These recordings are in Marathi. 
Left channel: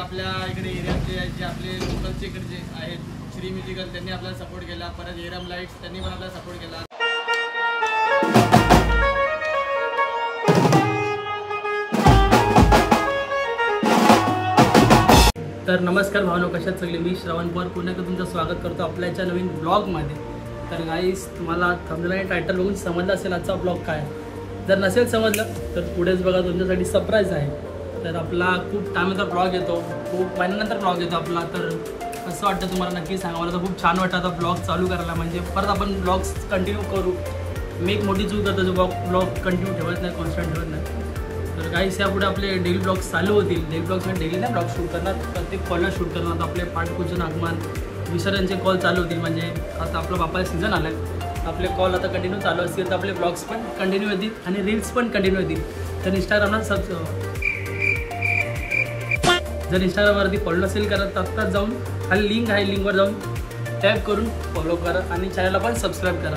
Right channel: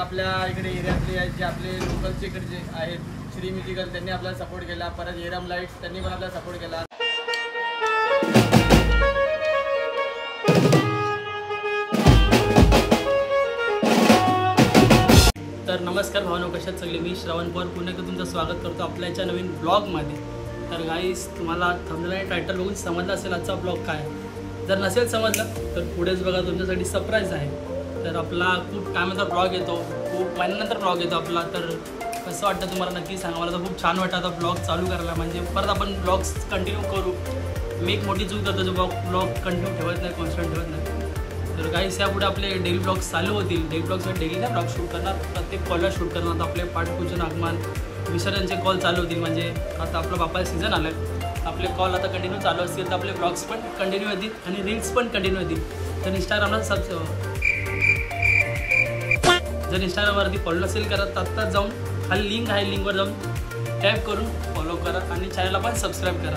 आपल्या इकडे एरियातले जे आपले लोकलचे इकडे जे आहेत श्री म्युझिकल त्यांनी आपल्याला सपोर्ट केला. परत एरम लाईट्स त्यांनी पण आपल्याला सपोर्ट केला. तर नमस्कार भावनो, कशात सगळे मी श्रावण पवार पुन्हा एकदा तुमचं स्वागत करतो आपल्याच्या नवीन ब्लॉगमध्ये. तर गाईस, तुम्हाला थंबनेल आणि टायटल बघून समजलं असेल आजचा ब्लॉग काय. जर नसेल समजलं तर पुढेच बघा, तुमच्यासाठी सरप्राईज आहे. तर आपला खूप टायमाचा ब्लॉग येतो, खूप महिन्यानंतर ब्लॉग येतो आपला. तर कसं वाटतं तुम्हाला नक्की सांगा. मला तर खूप छान वाटतं आता ब्लॉग चालू करायला, म्हणजे परत आपण ब्लॉग्स कंटिन्यू करू. मी एक मोठी चूक करतो, जो ब्लॉग कंटिन्यू ठेवत नाही, कॉन्स्टंट ठेवत नाही. तर गाईस, यापुढे आपले डेली ब्लॉग्स चालू होतील. डेली ब्लॉग्स म्हणजे डेली नाही ब्लॉग शूट करणार, प्रत्येक कॉलला शूट करणार. आपले पाठपूजन, आगमन, विसर्जनचे कॉल चालू होतील. म्हणजे आता आपलं बापाचं सीझन आलं आहे, आपले कॉल आता कंटिन्यू चालू असतील. तर आपले ब्लॉग्स पण कंटिन्यू होतील आणि रील्स पण कंटिन्यू होतील. तर इंस्टाग्रामला जर इंस्टाग्रामवरती फॉलो नसेल करत तर आत्ताच जाऊन खाली लिंक आहे, लिंकवर जाऊन टॅग करून फॉलो करा आणि चॅनलला पण सबस्क्राईब करा.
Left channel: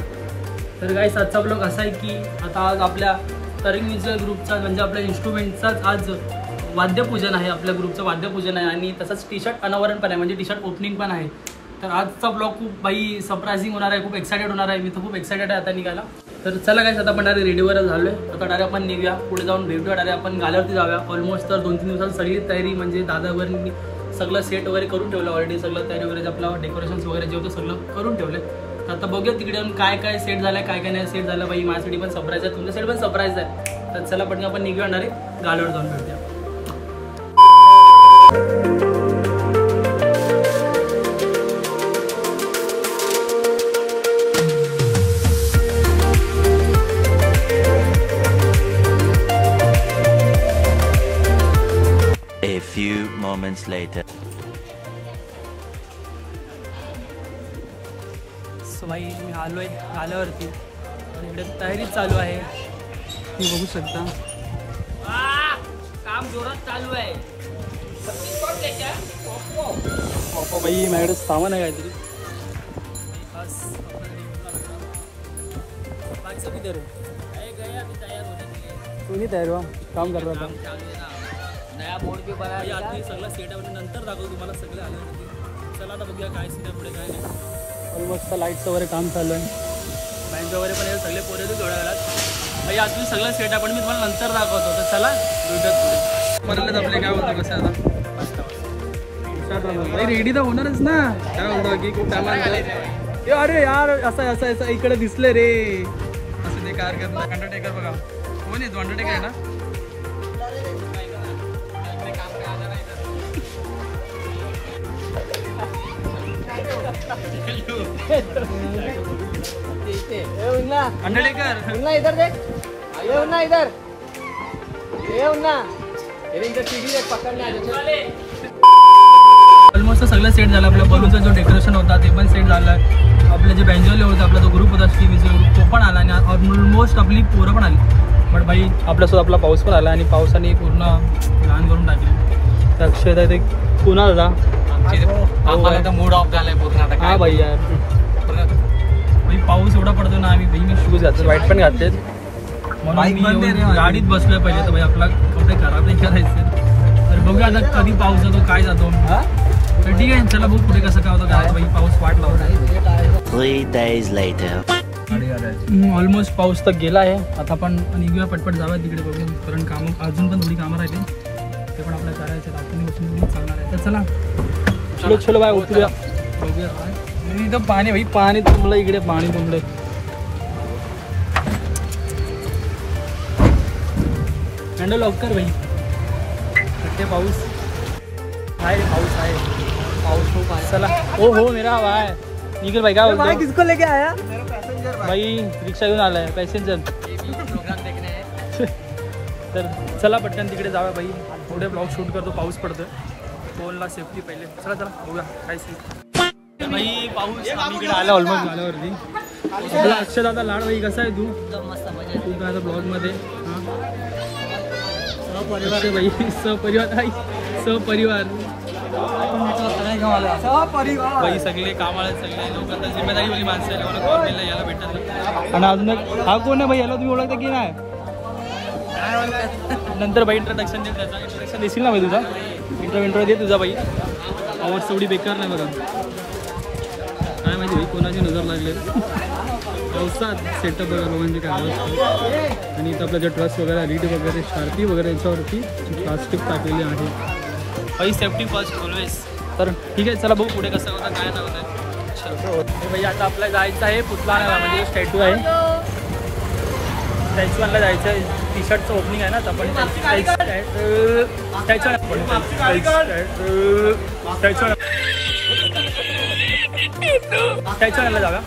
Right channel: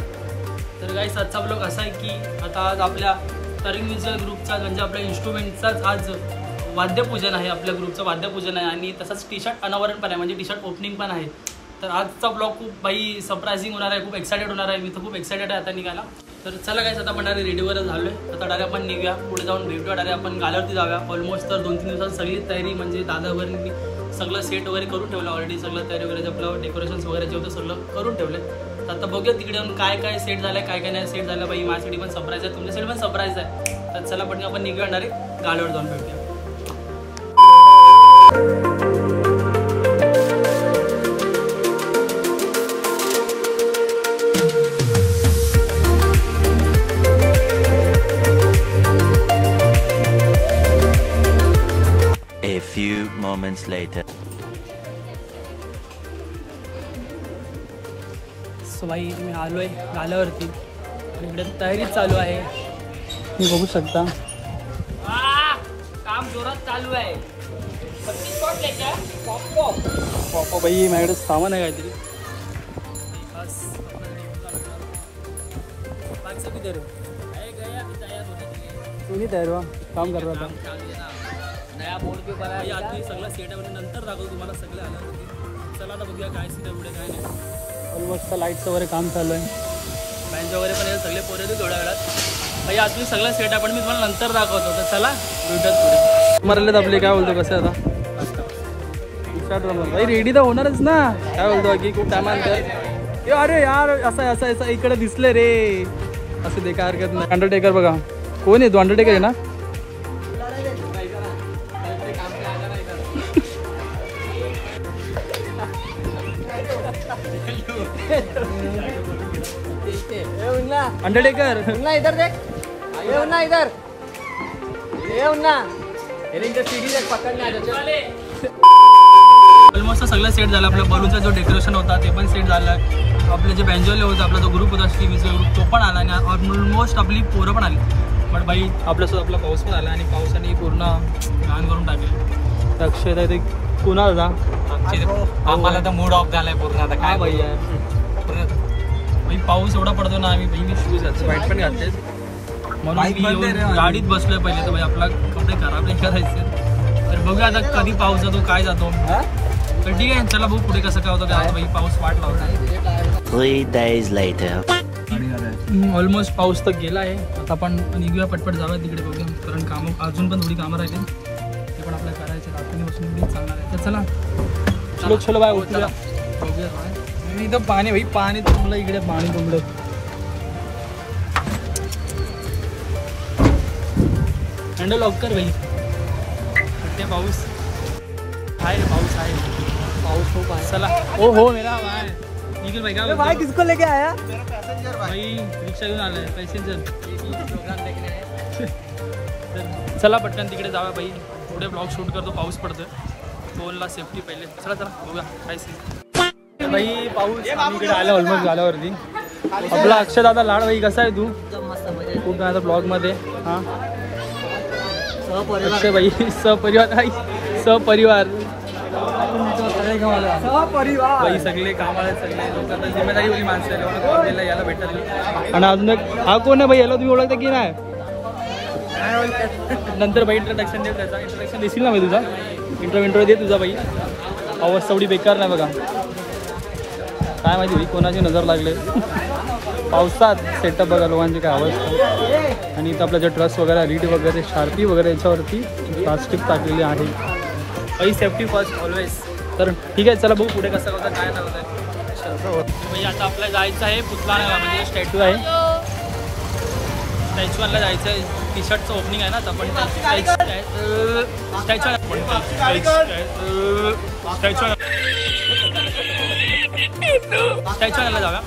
तर गाईस, आजचा ब्लॉग असा आहे की आता आज आपल्या तरुण म्युझिक ग्रुपचा, म्हणजे आपल्या इन्स्ट्रुमेंटचाच आज वाद्यपूजन आहे. आपल्या ग्रुपचं वाद्यपूजन आहे आणि तसंच टी शर्ट अनावरण पण आहे, म्हणजे टी शर्ट ओपनिंग पण आहे. तर आजचा ब्लॉग खूप सरप्रायझिंग होणार आहे, खूप एक्सायटेड होणार आहे. मी तर खूप एक्सायटेड आहे आता निघायला. तर चला गाईस, आता आपण डायरेक्ट रेडीवर झालो आहे. आता डायरेक्ट आपण निघूया, पुढे जाऊन भेटूया, डायरेक्ट आपण गाल्यावरती जाऊया. ऑलमोस्ट तर 2-3 दिवसात सगळी तयारी, म्हणजे दादावरनी सगळं सेट वगैरे करून ठेवलं ऑलरेडी. सगळं तयारी वगैरे आपलं डेकोरेशन्स वगैरे जे होतं सगळं करून ठेवलं. तर आता बघूया तिकडे जाऊन काय काय सेट झालं आहे, काय काय नाही सेट झालं. बाई, माझ्यासाठी पण सरप्राईज आहे, तुमच्यासाठी पण सरप्राईज आहे. तर चला पटकन आपण निघूया, डायरेक्ट गाल्यावर जाऊन भेटूया. A few moments later. So भाई, मी आलोय गाल्यावरती आणि इकडे तयारी चालू आहे, मी बघू शकता. काम जोरात चालू आहे. भाई, माझ्याकडे सामान आहे काहीतरी. तुम्ही तयार व्हा, काम कर रहा था. नया बोर्ड पे बना है. आधी सगळं सेट आहे, नंतर दाखवतो तुम्हाला सगळे आल्यावरती. चला आता बघूया काय सीन आहे पुढे, काय नाही. ऑलमोस्ट लाईटचं वगैरे काम चालू आहे, बँच वगैरे पण सगळे पोरे थोड्या वेळात. भाई, आधी सगळं सेट आहे, पण मी तुम्हाला नंतर दाखवतो. तर चला भेटूयात पुढे. मरलेत आपले, काय बोलतो कसं आता स्टार्ट. भाई रेडी तर होणारच ना, काय बोलतो की खूप टायमानंतर. अरे यार, असं इकडे दिसले रे. असं दे, काय हरकत नाही. अंडरटेकर बघा, कोण आहे तो? अंडरटेकर आहे ना. अंडरटेकर इधर देख, इधर ऑलमोस्ट सगळं सेट झालं. आपल्या बलूनचा जो डेकोरेशन होता ते पण सेट झालं. आपलं जे बँजोले होतं, आपला जो ग्रुप होता श्री म्युझिक ग्रुप, तो पण आला आणि ऑलमोस्ट आपली पोरं पण आली. पण बाई, आपल्यासोबत आपला पाऊस पण आला आणि पावसाने पूर्ण लहान करून टाकले. तर अक्षरशः ते कुणाल होता, मूड ऑफ झालाय पूर्ण. हा भाई यार, पाऊस एवढा पडतो ना, आम्ही बहिणी शूज घातले, वाईट पण घातले, म्हणून मी गाडीत बसलोय पहिले. तर भाई, आपला कुठे खराब नाही करायचं. तर बघूया आता कधी पाऊस जातो, काय जातो. तर ठीक आहे, चला बघू पुढे कसं काय होतं. काय भाई, पाऊस वाट लावतो. 3 days later. ऑलमोस्ट पाऊस तर गेला आहे. आता आपण निघूया, पटपट जाऊया तिकडे बघूया, कारण कामं अजून पण थोडी कामं राहिली. ते ते पण आपल्याला करायचं आहे. आपण बसून चालणार आहे. तर चला चलो चलो बाय उतरूया. इथं पाणी भाई पाणी तुंबलं इकडे पाणी तुंबलं. हँडल लवकर भाई. फटके पाऊस आहे रे पाऊस आहे. चला हो मेरा भाई निखिल भाई काय बोलतो. किसको लेके आया भाई रिक्षा घेऊन आलाय पॅसेंजर. तर चला पटकन तिकडे जाऊया भाई. पुढे ब्लॉग शूट करतो. पाऊस पडतोय. फोनला सेफ्टी पहिले. चला चला बघूया काय सीन. भाई पाऊस आम्ही इकडे आलो ऑलमोस्ट झाल्यावरती. आपला अक्षय दादा लाड भाई कसा आहे तू. मस्त मजा खूप आता ब्लॉगमध्ये हां सहपरिवार भाई सहपरिवार भाई सहपरिवार भाई सगळे कामाला सगळे लोक आता जिम्मेदारीवाली माणसं आहे. लोकांना कॉल द्यायला यायला भेटत नाही. आणि अजून हा कोण आहे भाई याला तुम्ही ओळखता की नाही. नंतर भाई इंट्रोडक्शन दे. त्याचा इंट्रोडक्शन देशील ना भाई तुझा. इंट्रो दे तुझा भाई. आवाज तेवढी बेकार नाही बघा. काय माहिती भाई कोणाची नजर लागले. पावसात सेटअप बघा लोकांचे काय आवाज. आणि इथं आपलं जे ट्रस वगैरे रीड वगैरे शार्पी वगैरे याच्यावरती प्लास्टिक टाकलेली आहे. भाई सेफ्टी फर्स्ट ऑलवेज. तर ठीक आहे चला बघू पुढे कसं होतं काय नाही होत आहे. चल भाई आता आपल्याला जायचं आहे पुतला म्हणजे स्टॅच्यू आहे. स्टॅच्यूला जायचं आहे. टी शर्टचं ओपनिंग आहे ना तर आपण स्टॅच्यूला जाऊया.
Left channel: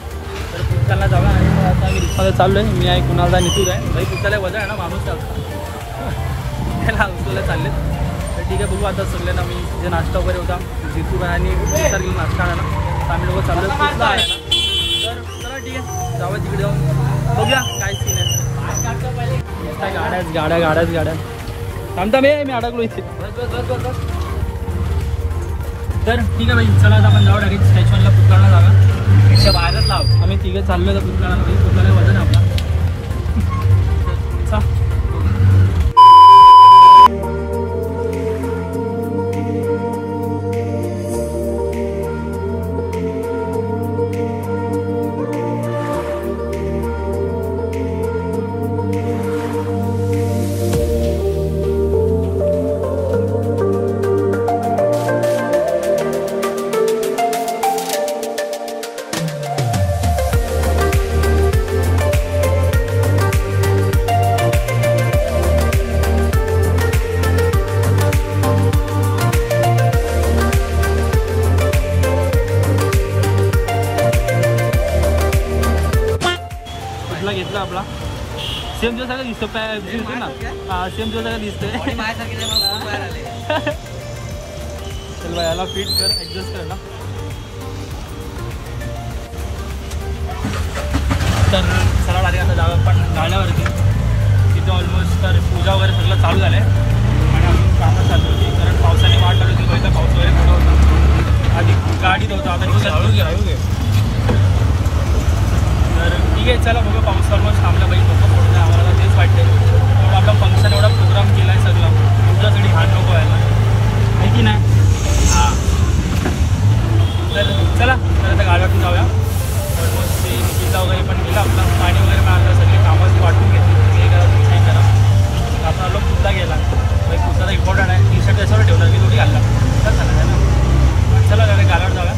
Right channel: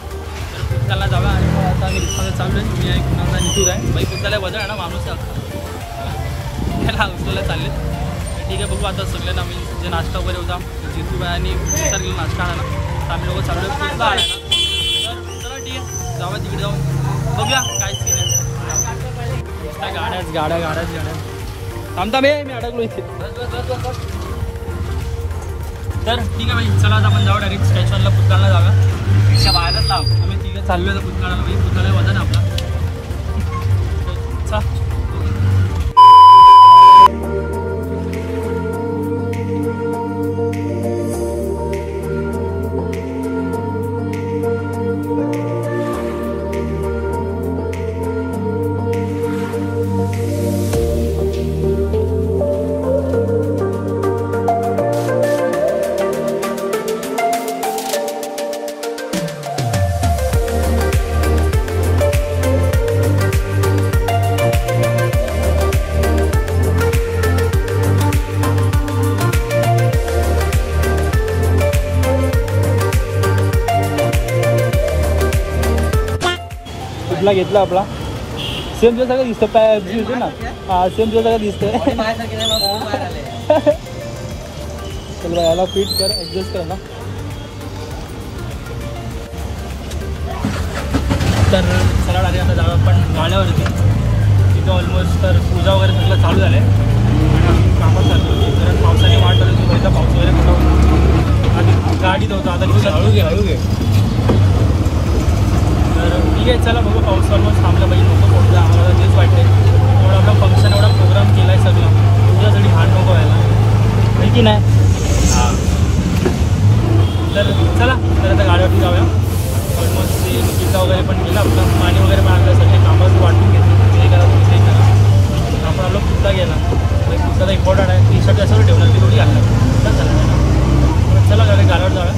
तर पुतळ्याला जाऊया. आणि मग आता मी रिक्षामध्ये चाललो आहे. मी आहे कुणाला निघून आहे भाई. पुतळ्याला वजन आहे ना माणूस त्याला उचलायला चालले. तर ठीक आहे बघू आता सगळ्यांना. मी जे नाश्ता वगैरे होता जितू भाई आणि विचार केला नाश्ता आणायला. तर आम्ही लोक चाललो आहे पुतळा आहे ना. तर चला ठीक आहे जाऊया तिकडे जाऊन बघूया काय सीन आहे. नुसता गाड्याच थांबता मी अडकलो इथे. तर ठीक आहे भाई चला आता आपण जाऊ डायरेक्ट स्टॅच्यूला पुतळ्याला जाऊया. त्याच्या बाहेरच लाव आम्ही तिघे चाललो आहे पुतळ्याला भाई. पुतळ्याला वजन आपला घेतला आपला. सेम जो सगळं दिसतं दिसते ना. हा सेम जो सगळं दिसतंय. चल भाई याला फिट कर ॲडजस्ट करायला. तर चला लागेल आता जाऊ आपण गाड्यावरती. तिथे ऑलमोस्ट तर पूजा वगैरे सगळं चालू झालं आहे. आणि अजून कामं चालू होती कारण पावसाने वाट लागली होती. पहिला पाऊस वगैरे पडत होता. आधी गाडीत होता आता रिक्षात. तर ठीक आहे चला बघू. पाऊस ऑलमोस्ट थांबला पाहिजे. नको पोट जाय आम्हाला तेच वाटते. एवढा आपला फंक्शन एवढा प्रोग्राम केला आहे सगळं. तुमच्यासाठी हात नको व्हायला ठीक की नाही. हां तर चला तर आता गाड्यावरती जाऊया. ऑलमोस्ट ते पिझ्झा वगैरे पण केला. आपलं पाणी वगैरे पण आणलं. सगळे कामं वाटून घेतली. हे करा तुम्ही नाही करा. आपण आलो पुतळा गेला. मग पुतळा इम्पॉर्टंट आहे. टी शर्ट याच्यावर ठेवणार की थोडी घालणार तर झालं आहे ना. मग चला गाड्यावर जाऊया.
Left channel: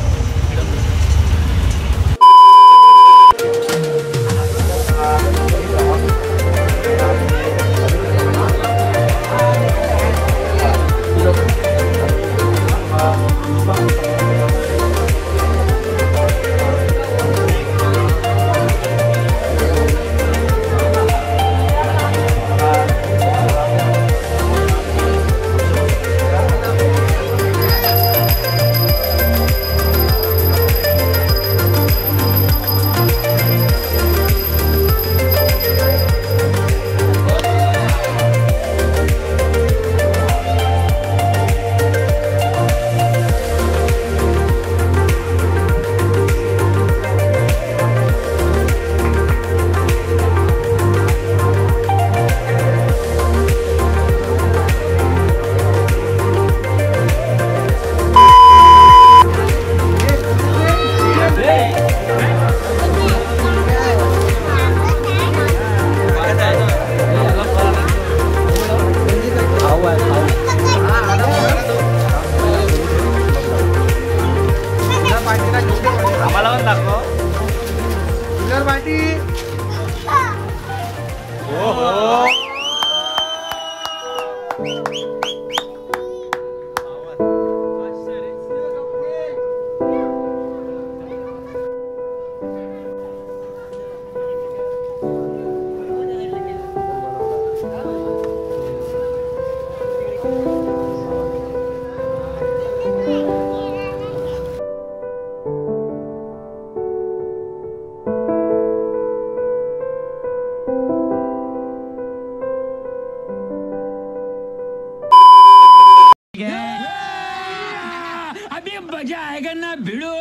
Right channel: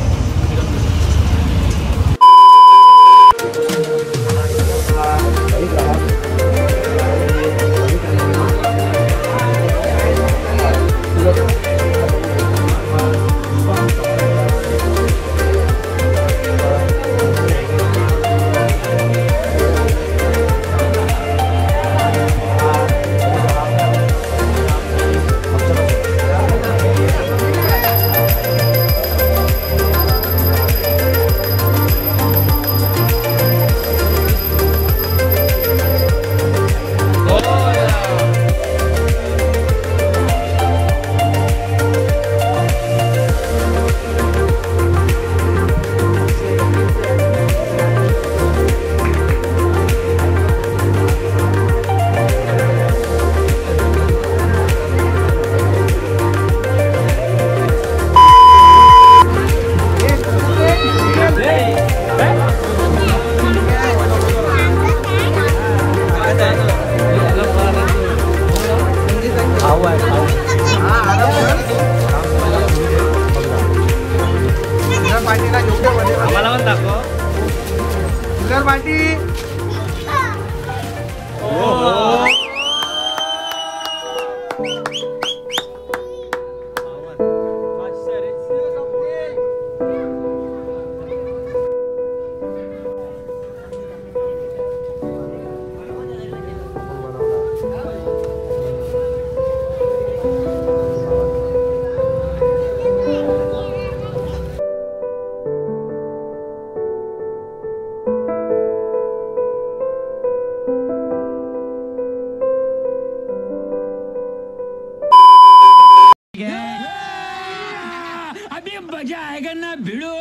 मजा आएगा ना भिड़ो.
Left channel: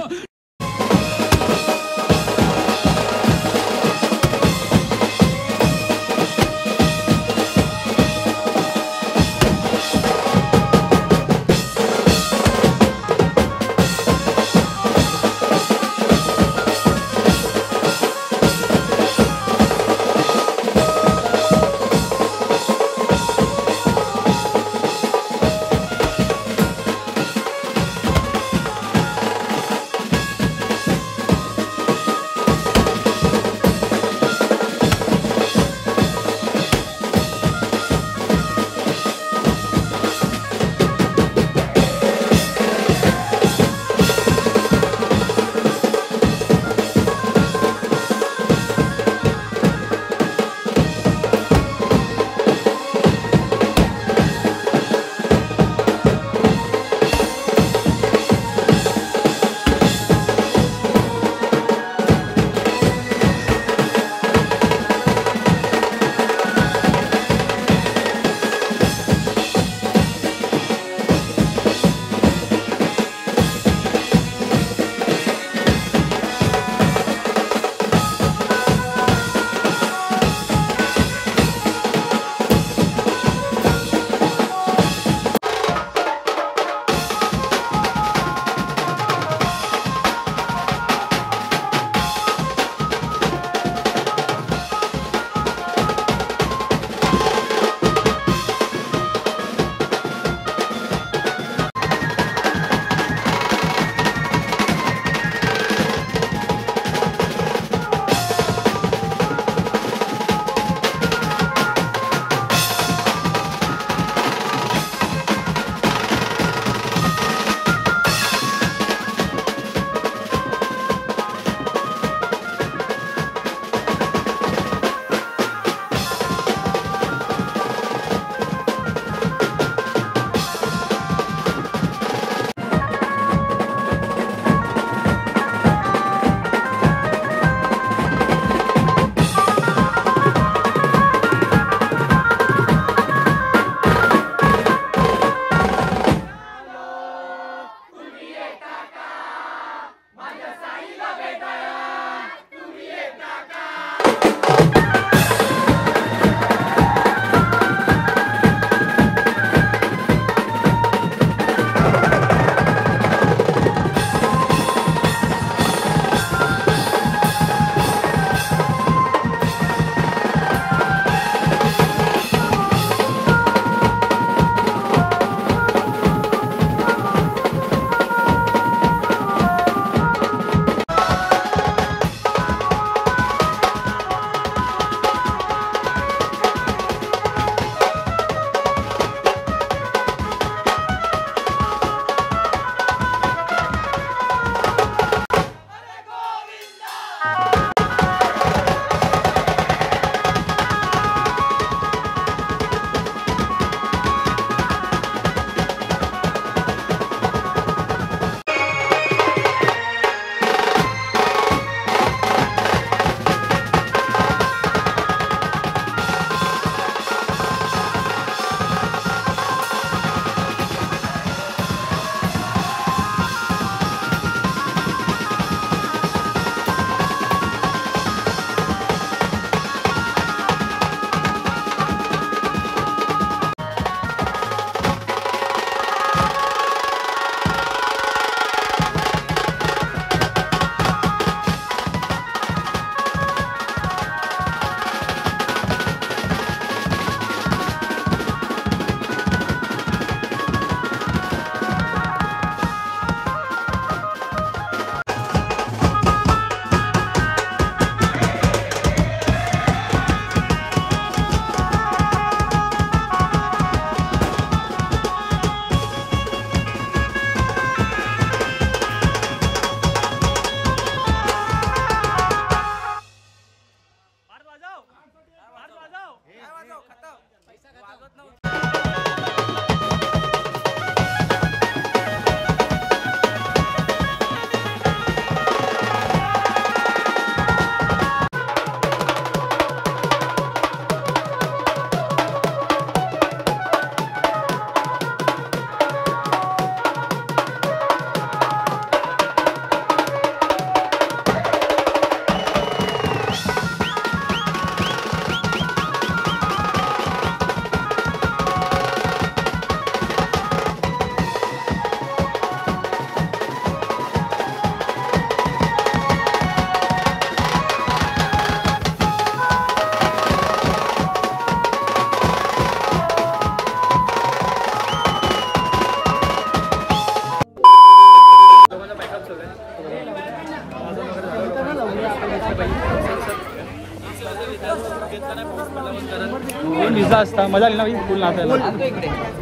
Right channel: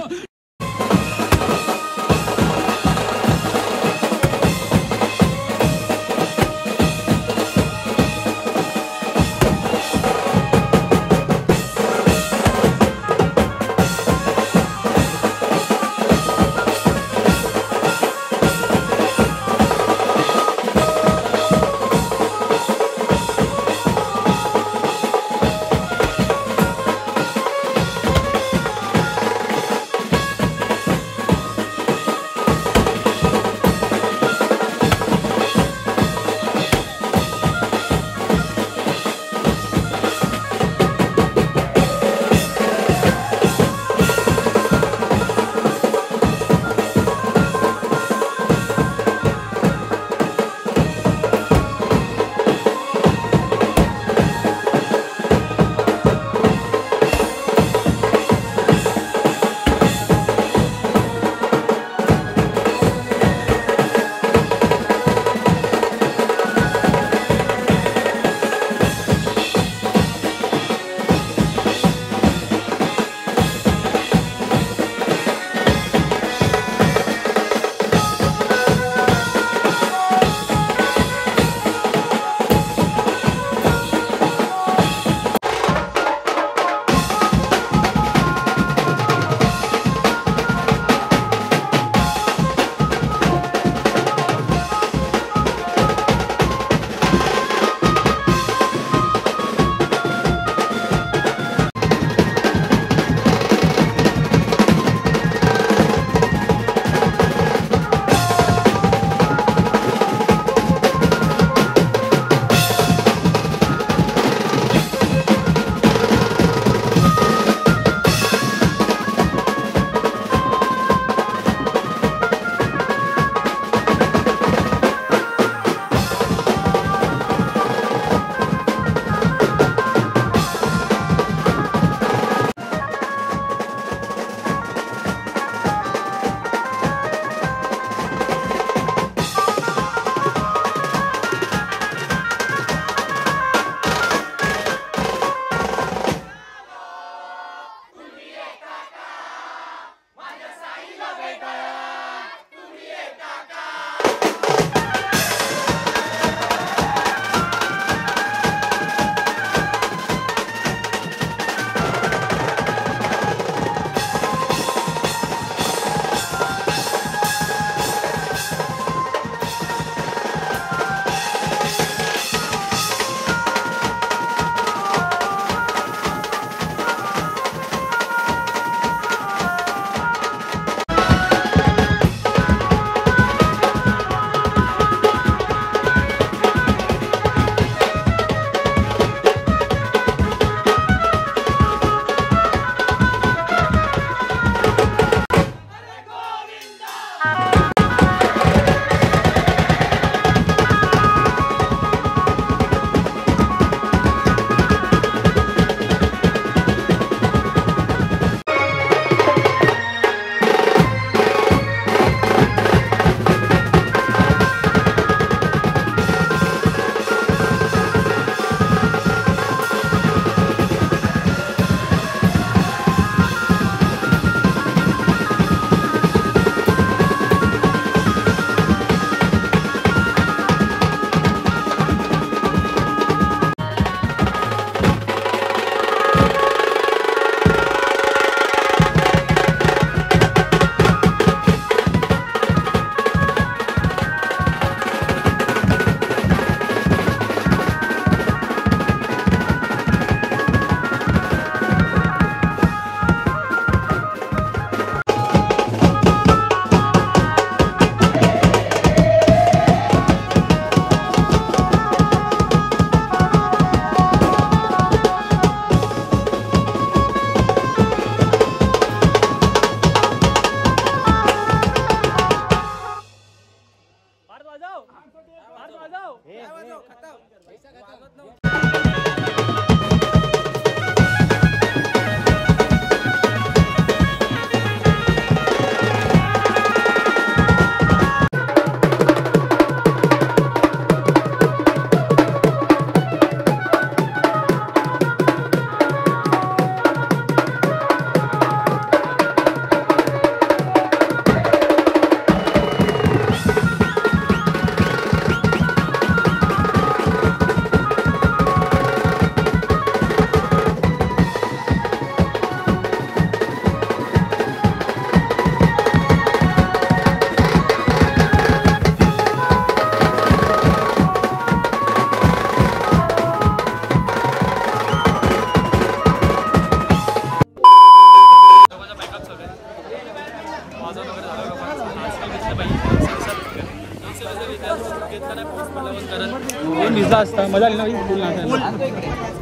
तुझा असता मजा आली ना भाई फुल नाचायला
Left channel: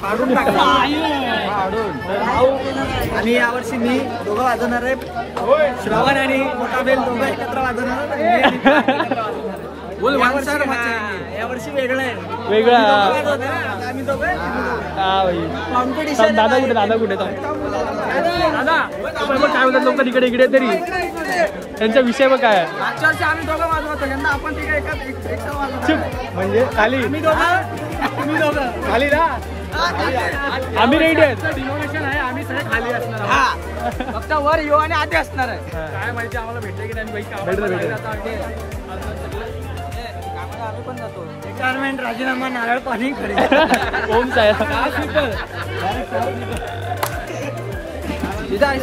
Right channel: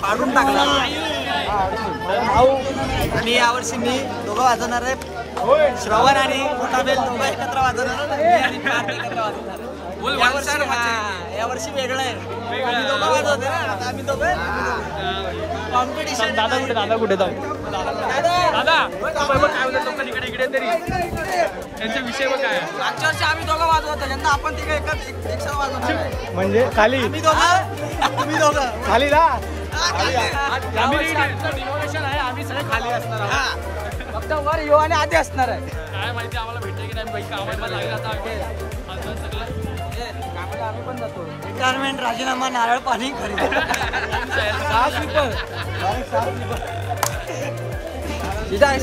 पाडून टाकला आणि यावर्षी मी दोघं वाजवणार आहे श्रवण आणि मोठा बेल दोघं एकत्र वाजवणार यावर्षी वेगळं आहे वेगळा आम्ही दोघं कॉम्पिटिशन दादा कुठे दादा काय होतात लोक तिकडे इकडे तरी त्यांचा विषय मग काय मागच्या वर्षी आम्ही दोघं वाजवतो यंदा आपण तिकडे एकच वाजवतो म्हणजे खाली तुम्ही दोघं खाली ना आम्ही रेडी आहेत आहे आम्ही सगळे खाली असणार फक्त वर येऊ आणि आधी असणार आहे काय माहिती आम्हाला भेटलं की नाही रिटायरमेंट राजीनामा नारळ पाणी खरे ओम साहेब ठीक आहे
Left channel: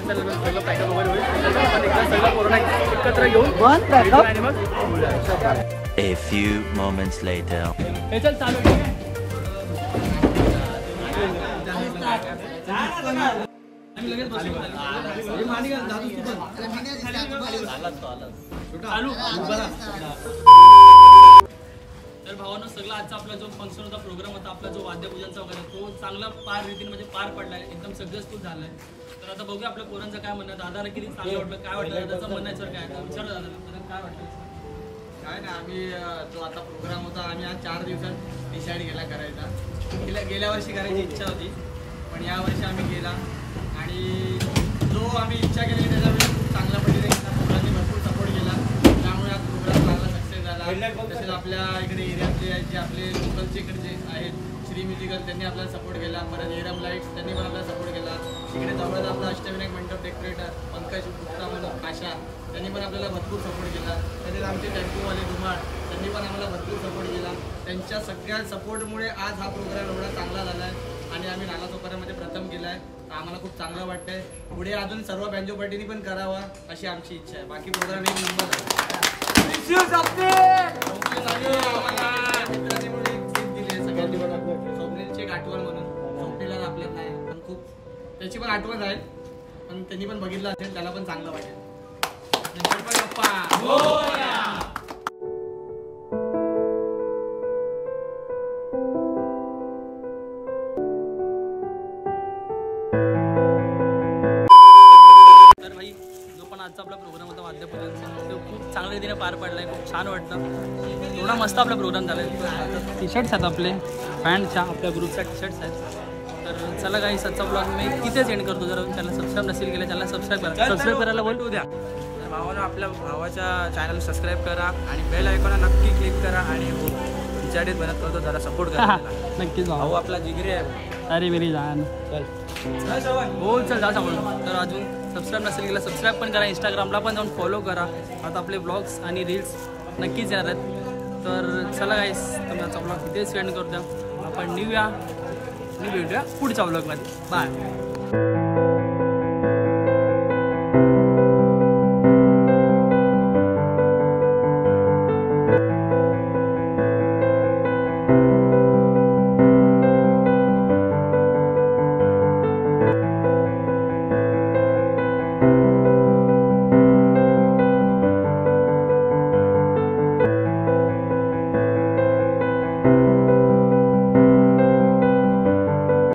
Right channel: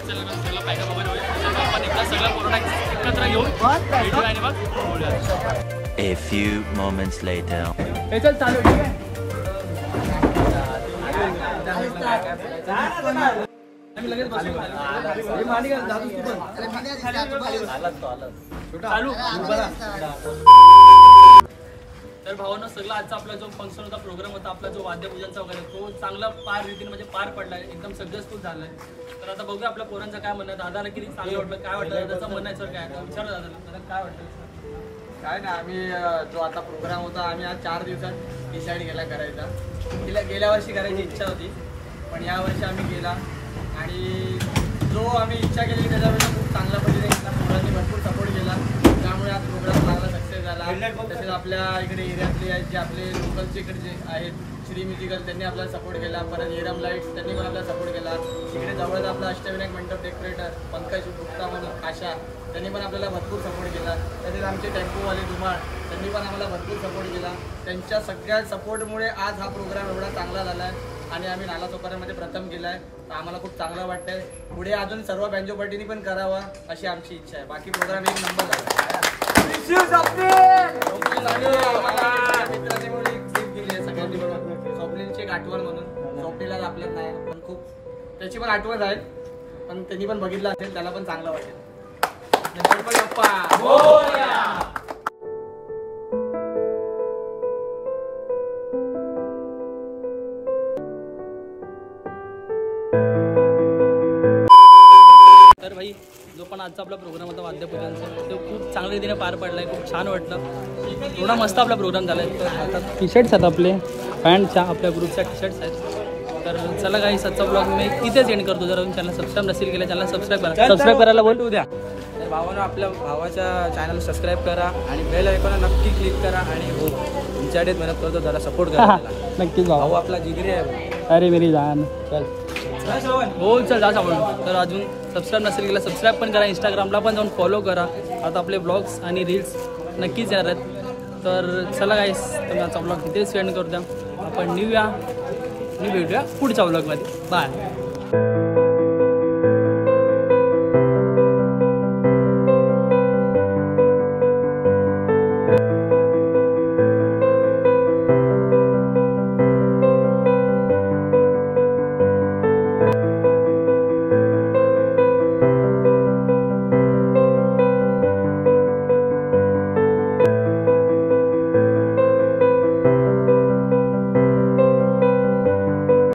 चल सगळं पॅकअप वगैरे होईल आपण एकदा सगळं कोरोना एकत्र येऊन आणि मग A few moments later. हे चल चालू ठीक आहे आम्ही लगेच बसू चालू तर भावांनो सगळं आजचा आपला जो फंक्शन होता प्रोग्राम होता आपला जो वाद्यपूजनचा वगैरे तो चांगला पार रीतीने म्हणजे पार पडलाय एकदम सक्सेसफुल झालाय तर आता बघूया आपल्या पोरांचं काय म्हणणं दादाला किती चांगलं वाटलं काय वाटतं दादाचं म्हणायचं काय विचारू दादाला काय वाटतं काय ना आम्ही जो आता प्रोग्राम होता आम्ही आज 4 दिवसात डिसाईड केला करायचा गेल्या वर्षी करायची इच्छा होती पण यावर्षी आम्ही केला आणि जो आम्ही इच्छा केली त्याच्यापेक्षा खूप चांगल्या पद्धतीने केला पोरांनी भरपूर सपोर्ट केला त्यामुळे आज प्रोग्राम चांगला सक्सेस झाला तसेच आपल्या इकडे एरियातले जे आपले लोकलचे इकडे जे आहेत श्री म्युझिकल त्यांनी आपल्याला सपोर्ट केला परत एरम लाईट्स त्यांनी पण आपल्याला सपोर्ट केला इकडे जवळच आपला अष्टविनायक मंडप डेकोरेटर पंकज गुप्ता म्हणून आशा त्यांनी पण आपल्याला भरपूर सपोर्ट केला तसेच आमचे टेम्पोवाले धुमाळ त्यांनी पण आम्हाला भरपूर सपोर्ट केला त्यांच्या सगळ्या सपोर्टमुळे आज हा प्रोग्राम एवढा चांगला झाला आहे आणि आम्ही नालासोपाऱ्यामध्ये प्रथम केला आहे तर आम्हाला खूप चांगलं वाटतंय पुढे अजून सर्व बँजो पार्टीनी पण करावा अशी आमची इच्छा आहे बाकी प्रोग्राम एक नंबर झाला मित्रांनी म्हणून एक गिफ्ट दिली आहे सगळ्यांनी मिळून स्वप्नीलची एक आठवण म्हणून स्वप्नीला आपल्यात नाही पण खूप त्याची पण आठवण आहे पण त्यांनी पण बघितलं असेल त्याला पण चांगलं वाटेल गणपती बाप्पा तर भाई जो पण आजचा आपला प्रोग्राम होता वाद्यपूजनचा तो खूप चांगल्या रीतीने पार पडलाय खूप छान वाटलं एवढा मस्त आपला प्रोग्राम झालाय तर आता टी शर्ट्स आहेत आपले पॅन्टच्या आपल्या ग्रुपच्या टी शर्ट्स आहेत तर चला काही सच्चा ब्लॉग मी इथेच एंड करतो जर चॅनल सबस्क्राईब नसेल केलं चॅनल सबस्क्राईब करायला बोलू उद्या तर भावानं आपल्या भावाच्या चॅनल सबस्क्राईब करा आणि बेल आयकॉनला नक्की क्लिक करा आणि हो तुमच्याकडे मेहनत करतो जरा सपोर्ट करा नक्कीच भाऊ आपला जिगरी आहे अरे मेरी जान चल हो चल जा सावळून तर अजून सबस्क्राईब नसेल केलं सबस्क्राईब पण करा इंस्टाग्रामला पण जाऊन फॉलो करा आता आपले ब्लॉग्स आणि रील्स नक्कीच येणार आहेत तर चला गाईस तुम्ही आजचा ब्लॉग इथेच सेंड करू द्या आपण न्यू भेटूया पुढच्या ब्लॉगमध्ये बाय